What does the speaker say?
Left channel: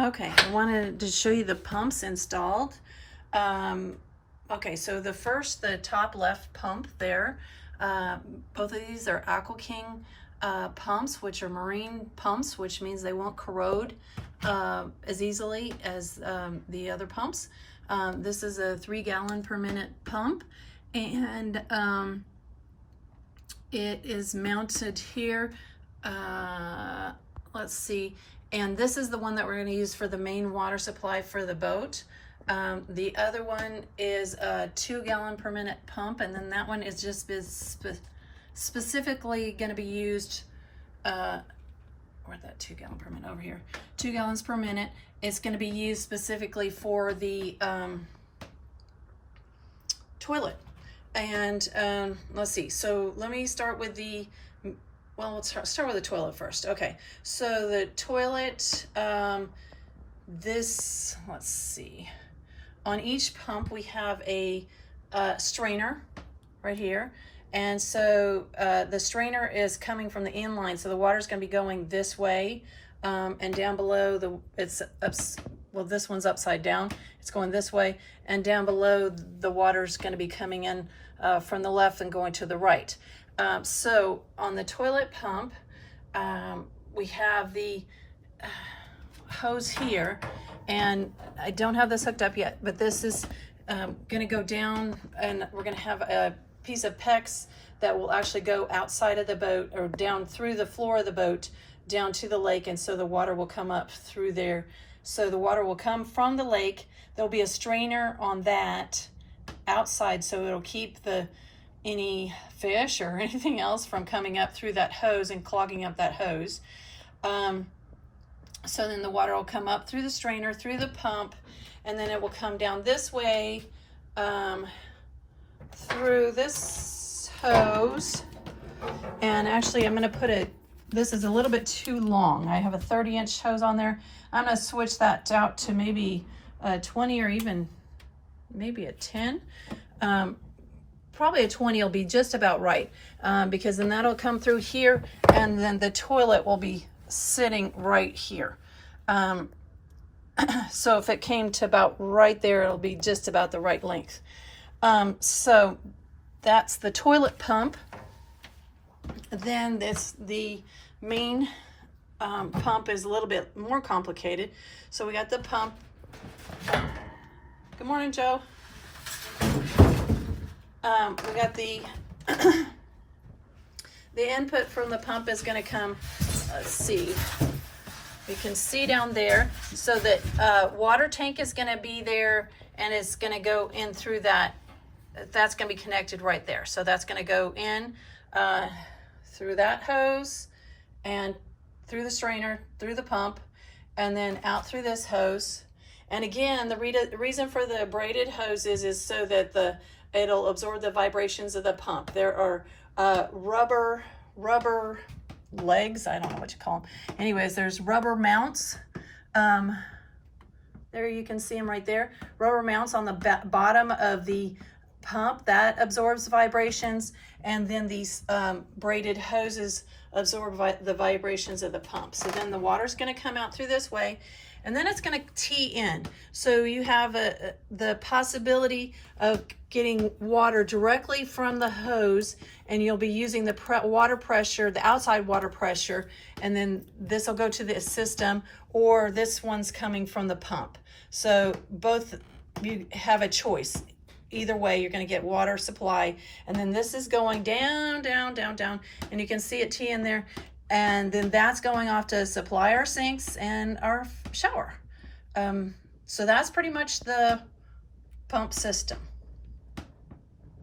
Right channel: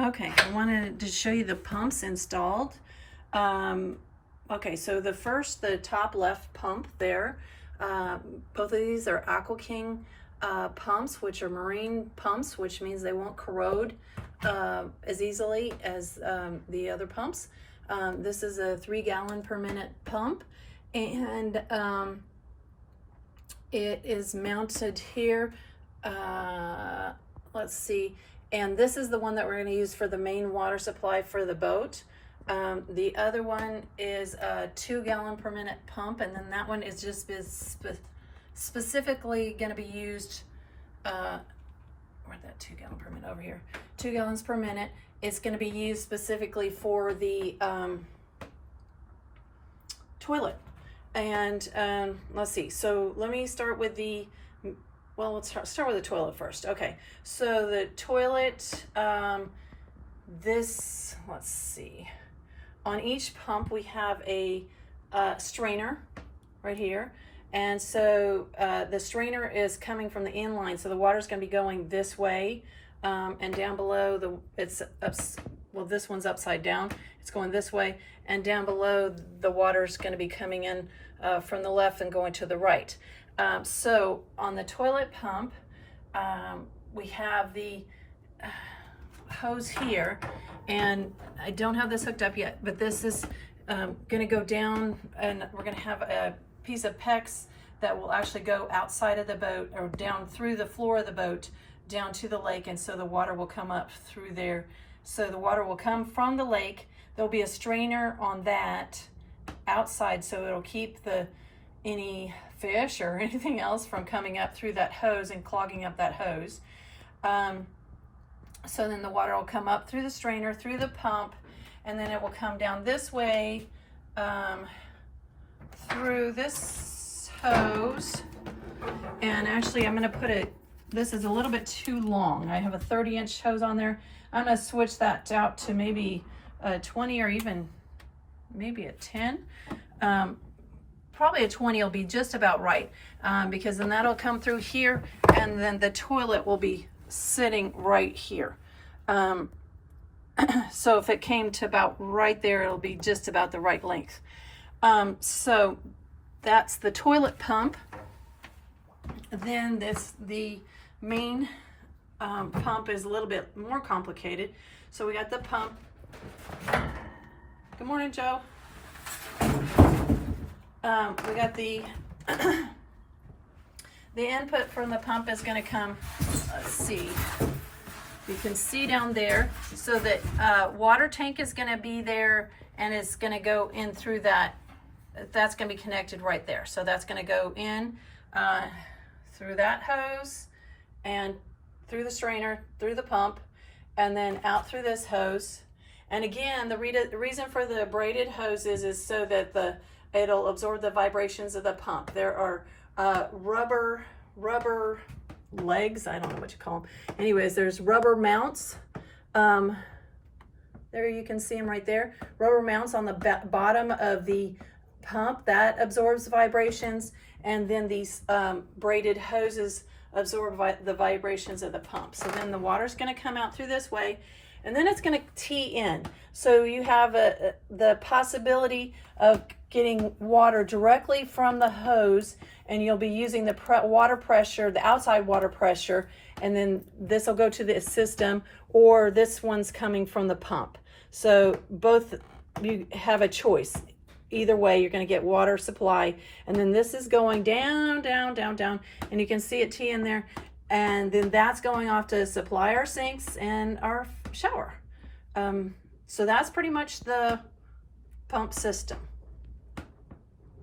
Okay, I wanted to show you the pumps installed. Okay, so the top left pump there, both of these are Aqua King pumps, which are marine pumps, which means they won't corrode as easily as the other pumps. This is a 3 gallon per minute pump, and it is mounted here. Let's see. And this is the one that we're going to use for the main water supply for the boat. The other one is a 2 gallon per minute pump, and then that one is just specifically going to be used, where's that 2 gallon per minute over here? 2 gallons per minute. It's going to be used specifically for the toilet. And let's see, so let me start with let's start with the toilet first. Okay, so the toilet, let's see, on each pump we have a strainer right here, and so the strainer is coming from the inline, so the water is going to be going this way, and down below this one's upside down, it's going this way, and down below the water is going to be coming in from the left and going to the right. So on the toilet pump, we have the hose here, and I don't have this hooked up yet, but this is going to go down, and we're going to have a piece of PEX that will actually go outside of the boat, or down through the floor of the boat down to the lake, and so the water will come up through there. So the water will come from the lake. There'll be a strainer on that outside, so it'll keep any fish or anything else from coming up through that hose and clogging up that hose. So then the water will come up through the strainer, through the pump, and then it will come down this way through this hose. And actually I'm going to this is a little bit too long. I have a 30-inch hose on there. I'm going to switch that out to maybe a 20 or even maybe a 10. Probably a 20 will be just about right, because then that'll come through here, and then the toilet will be sitting right here. So if it came to about right there, it'll be just about the right length. So that's the toilet pump. Then the main pump is a little bit more complicated. So we got the pump. Good morning, Joe. We got the input from the pump is going to come, let's see, you can see down there, so that water tank is going to be there, and it's going to go in through that's going to be connected right there. So that's going to go in through that hose, and through the strainer, through the pump, and then out through this hose. And again, the reason for the braided hoses is so that it'll absorb the vibrations of the pump. There are rubber legs, I don't know what you call them. Anyways, there's rubber mounts. There you can see them right there. Rubber mounts on the bottom of the pump that absorbs vibrations, and then these braided hoses absorb the vibrations of the pump. So then the water's going to come out through this way, and then it's going to tee in. So you have the possibility of getting water directly from the hose, and you'll be using the water pressure, the outside water pressure, and then this will go to the system, or this one's coming from the pump. So both, you have a choice. Either way, you're going to get water supply, and then this is going down, down, down, down, and you can see it tee in there, and then that's going off to supply our sinks and our shower. So that's pretty much the pump system.